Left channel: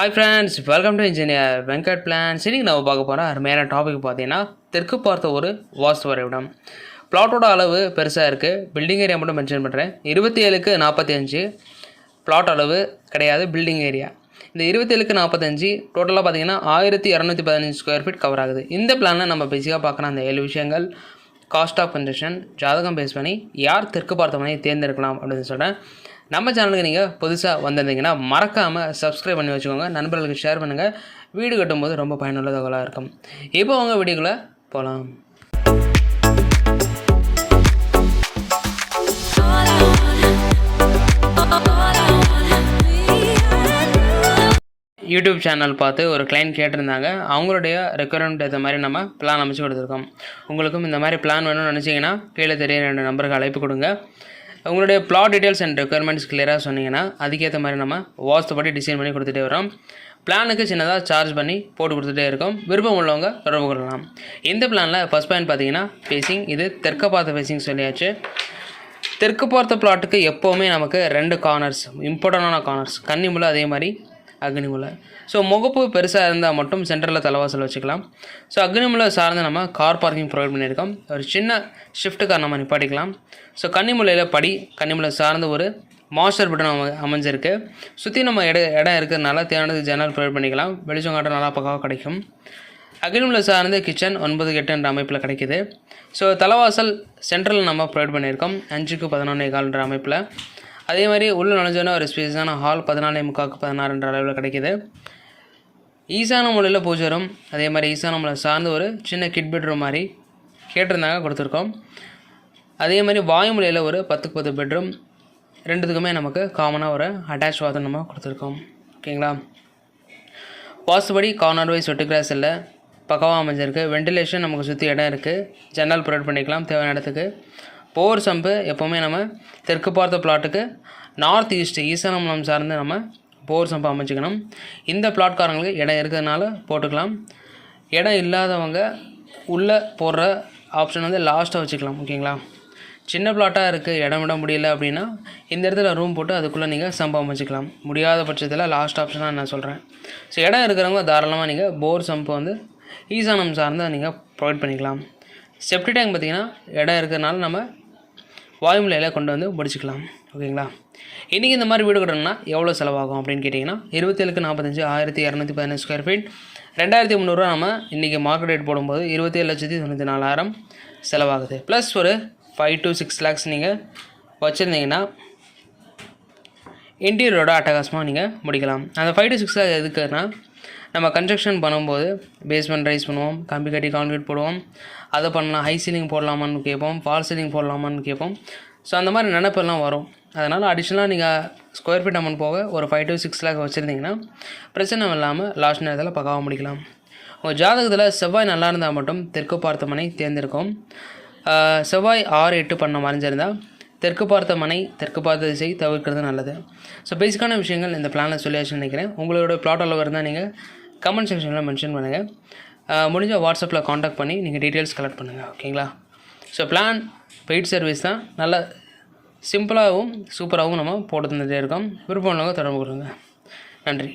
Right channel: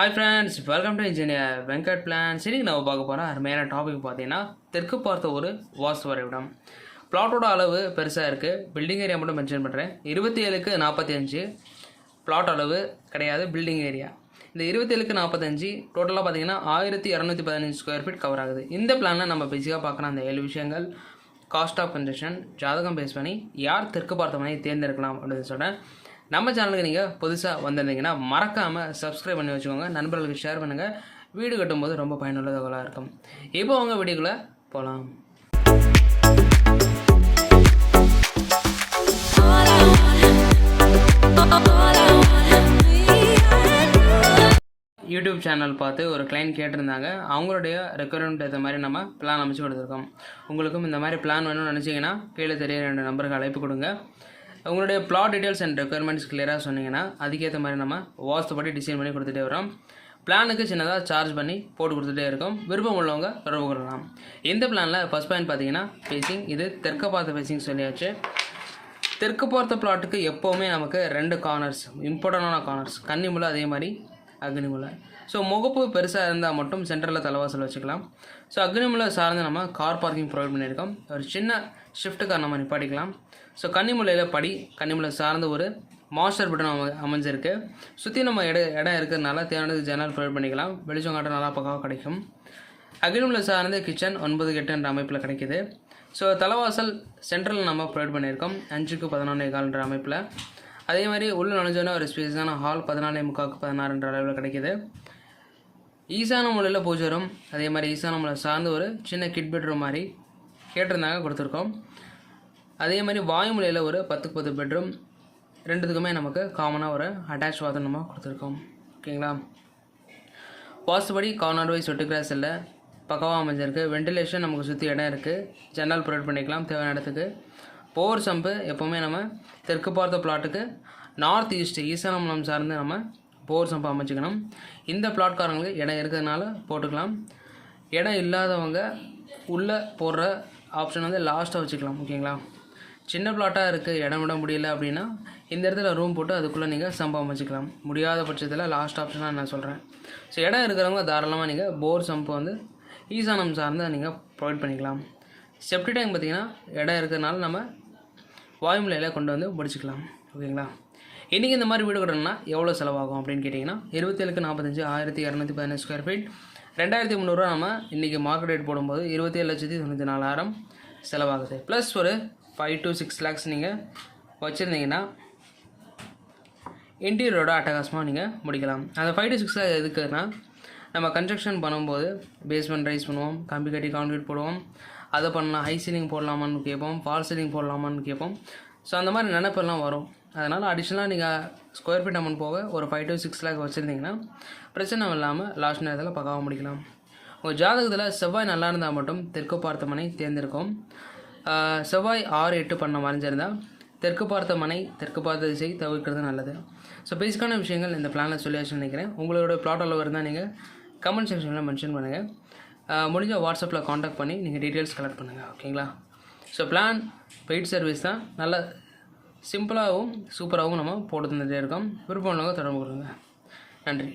Hi friends welcome to engineer Venkat plan இன்றைக்கி நம்ம பார்க்க போகிற அருமையான டாபிக் பார்த்தீங்கன்னா தெற்கு பார்த்த ஒரு வாஸ்து வரைவிடம் பிளாட்டோட அளவு பெருசாக இருக்குது பில்டிங் ஏரியா மட்டும் மென்ஷன் பண்ணுறேன் இருபத்தி ஏழுக்கு நாற்பத்தி அஞ்சு பிளாட் அளவு கிடையாது பில்டிங் ஏரியா இந்த இருபத்தேழுக்கு நாற்பத்தஞ்சு டோட்டலாக பார்த்தீங்கன்னா ஆயிரத்தி இரநூத்தி பதினஞ்சு ஸ்கொயர் ஃபீட் கவர் ஆகுது. இந்த பிளானில் நம்ம பேசிக்காக பார்க்குற அந்த ஏழு விஷயங்கள் காஸ்ட் ஆஃப் கன்ஸ்ட்ரக்ஷன் ஜாதகம் பேஸ் பண்ணி யார் தெற்கு பார்த்த மனையை தேர்ந்தெடுக்கலாம் அப்படின்னு சொல்கிறேன் நம்ம சேனலுக்கு நீங்கள் புதுசாக வந்திருந்தீங்கன்னா மறக்காமல் சப்ஸ்கிரைப் பண்ணி வச்சுக்கோங்க. நண்பர்களுக்கு ஷேர் பண்ணுங்கள் வீடு கட்டும்போது ரொம்ப பயனுள்ள தகவலாக இருக்கும். இப்போ உங்கள் வீடியோக்குள்ளே போகலாம் யூடியூப் சேனல் பார்த்து ஒரு கிளைண்ட் கேட்டிருந்தாங்க. அவங்களுடைய ரெக்குவயர்மெண்ட் ஏற்ற மாதிரி நம்ம பிளான் அமைச்சு கொடுத்துருக்கோம். உங்களுக்கும் இந்த மாதிரி பிளான் வேணும்னு நினச்சிங்கன்னா கீழே தெரிய ரெண்டு நம்பருக்கு அழைப்பு கொடுங்க. உங்களுடைய பிளாட் டீட்டெயில்ஸ் அண்ட் ரெக்குயர்மெண்ட்ஸ் கிளியராக சொன்னீங்கன்னா அதுக்கேற்ற மாதிரி நம்ம வாஸ்துப்படி டிசைன் பண்ணி கொடுத்துட்டே வரோம். பிளானுக்கு சின்னதாக சார்ஜ் பண்ணி போட்டு கொடுத்துட்டே இருக்கோம். விருப்பம் உள்ளவங்க தொடர்பு கொள்ளலாம். இந்த பிளானில் ஃபஸ்ட் பாயிண்ட் பார்த்தீங்கன்னா ஃபேஸிங் இது தெற்க பார்த்த ஃபேஸிங் சொல்லியாச்சு. தெற்கு பார்த்த பிளாட்டுக்கு எப்போவுமே நமக்கு ரெண்டு கார்னர்ஸ் இம்பார்ட்டண்டான கார்னர்ஸ் கன்னிமுள்ள அதே மாதிரி அக்னிமுலை. ஸோ முகப்பு பெருசாக இருந்தால் மட்டும் சென்டரில் தலைவாசல் வச்சுக்கலாம். ஸோ அக்னிமுலை சார்ந்து நம்ம கார் பார்க்கிங் ப்ரொவைட் பண்ணியிருக்கோம். ஒரு சின்ன ஷிஃப்ட் நம்ம நிப்பாட்டிக்கலாம். ஸோ கன்னிமுலையில் படி கன்னிமுலை சார்ந்து ஒரு மாஸ்டர் பட்டன் அம அமைஞ்சிருக்கு. சுற்றி நம்ம இட இடம் இருக்கிறதுனால தேவையானது ஜன்னல் ப்ரொவைட் பண்ணிக்கலாம். வெளிச்சம் காட்ட நல்லா பக்காவாக கிடைக்கும். அக்னிமுலை சார்ந்து கிச்சன் ஒன்பது எட்டுன்ற அமைப்பில் கிடைக்கிது. ஸோ தலைவாசல் சென்ட்ரல் நம்ம ப்ரொவைட் பண்ணியிருக்கோம். அஞ்சுக்கு பதினொன்று கால்ன்ற அமைப்பில். அதே மாதிரி உள்ளே நுழைஞ்சோன்னா ஒரு ஸ்பேஸான ஹால் பதினாலே முக்காக்கு பதினாறுன்ற அளவில் கிடைக்குது. ஈசான மூலையில் பூஜை ரூம் அதே மாதிரி ஈசான மூலை சார்ந்து ஒரு சின்ன கிட் பெட்ரூம் மாதிரி கேட்டிருந்தாங்க கொடுத்துருக்கோம். அதே மாதிரி வாயுமலையில் ஒரு பத்துக்கு பத்து பெட்ரூம் ரெண்டுத்துக்குமே நமக்கு காமனாக ஒரு அட்டாச் வாதனமாக நம்ம கொடுத்துருக்கோம். ஓகேங்களா? வாசுபடி கார்னர் வைஸ் வெட்டு கிராஸ் இல்லை. பக்கவாக அமைஞ்சிருக்கு. வெண்டிலேஷன் நமக்கு சுற்றி இடம் இருக்குது ஜன்னல் ப்ரொவைட் பண்ணிக்கலாம். தேவையான இடத்துக்கு. போர் சம்பு எப்போவுமே நம்ம தெற்கு பார்த்த பிளாட்டுக்கு நார்த் ஈஸ்ட் ஈசானமலம் சார்ந்து நம்ம போர் சம்பு அமைச்சிக்கணும். இந்த பிளாட்காரங்களுக்கு இடம் இருக்கிறதுனால போட்டுக்கலாம். இடம் இல்லாதவங்க உள்ளே போடுற ஆப்ஷன் வந்து லாஸ்ட்டாக வச்சுக்கலாம் ஓகேங்களா சின்ன பிளாட்டாக இருக்குது இடம் விட முடியல அப்படின்னா இந்த இடத்துல ரூம் போட்டு அதுக்குள்ளே நீங்கள் சம்பவம் அமைச்சிக்கலாம். முடியாத பட்சத்தில் லாஸ்ட் ஆப்ஷனாக நான் சொல்கிறேன் ஸோ இடம் இருக்கிறவங்க தாராளமாக நீங்கள் போர் சம்பு வந்து ஈசானம் சார்ந்து நீங்கள் ப்ரொவைட் பண்ணிக்கலாம். செப்டி டேங்க் பார்த்திங்கன்னா இடம் இருக்கிறதுனால நம்ம வாயுமலையில் கொண்டு வந்து படிச்சுக்கலாம் ஓகேங்களா? இன்றைக்கி இந்த மாதிரி வீடு கட்டணும்னா எவ்வளோ செலவாகும் அப்படின்னு கேட்டிங்கன்னா இருபத்தேழுக்கு நாற்பத்தஞ்சு ஆயிரத்தி இரநூத்தி பதினஞ்சு ஸ்கொயர் ஃபீட் ரெண்டாயிரத்தி முந்நூறுரூவா நம்ம இன்றைக்கி மார்க்கெட் ரேட் போடும்போது இருபத்தேழு லட்சத்தி தொண்ணூற்றி நாலாயிரம் செலவாகுது. ப்ளஸ் ஒரு ஃபைவ் டு சிக்ஸ் லேக்ஸ் நீங்கள் வச்சுருந்தீங்கன்னா இன்டீரியரோட அட்டகாசமாக நீங்கள் முடிக்கலாம். அந்த ஃபைவ் டு சிக்ஸ் லேக் எதுக்குன்னா நம்ம கன்ஸ்ட்ரக்ஷன் பண்ணும்போது பேஸ்மெண்ட் ரைஸ் பண்ணுவோம் கம்பி கட்டி கான்கிரீட் போடுவோம். அதை பண்ணலாம் ஹை சீலிங் போடலாமான்னு கேட்போம் ஃபால் சீலிங் போடலாமான்னு கேட்போம். ஸோ அந்த மாதிரி நினைப்பெல்லாம் வரும். அதனால் அடிஷ்னலாக நீங்கள் ஸ்கொயர் ஃபீட் அமௌண்ட் போக ஒரு ஃபைவ் டு சிக்ஸ் லேக் வச்சுருந்தீங்கன்னா பிரச்சனை இல்லாமல் லாஸ்ட் நேரத்தில் பக்காவாக முடிக்கலாம். உங்கள் ஜாதகத்தில் செவ்வாய் நல்லா இருந்தால் மட்டும் தெற்கு பார்த்த மனை தேர்ந்தெடுக்கும். செவ்வாய் ஆறு எட்டு பண்ண மறைஞ்சிருந்தால் தெற்கு பார்த்த மனை தெற்கு பார்த்த திசை தவிர்க்கிறது நல்லது. ஸோ பேசிக்கான விஷயங்கள் இந்த பிளானில் சொல்லியாச்சுன்னு நினைக்கிறேன். உங்களோட பிளாட் அளவு இருந்தால் நீங்கள் கமெண்ட் செக்ஷனில் மென்ஷன் பண்ணுங்கள் முடிஞ்ச வாட்ஸ்அப்பில் காண்டாக்ட் பண்ணி நீங்கள் டீட்டெயில்ஸ் கலெக்ட் பண்ணுங்கள் ஓகேங்களா ஸோ பிளான் பெய்ட் சர்வீஸ் தான். நல்ல சிம்பிளாகவும் சூப்பராகவும் நம்ம போட்டு தந்துகிட்டே இருக்கோம். விருப்பம் உள்ளவங்க தொடர்பு கொடுங்க நன்றி.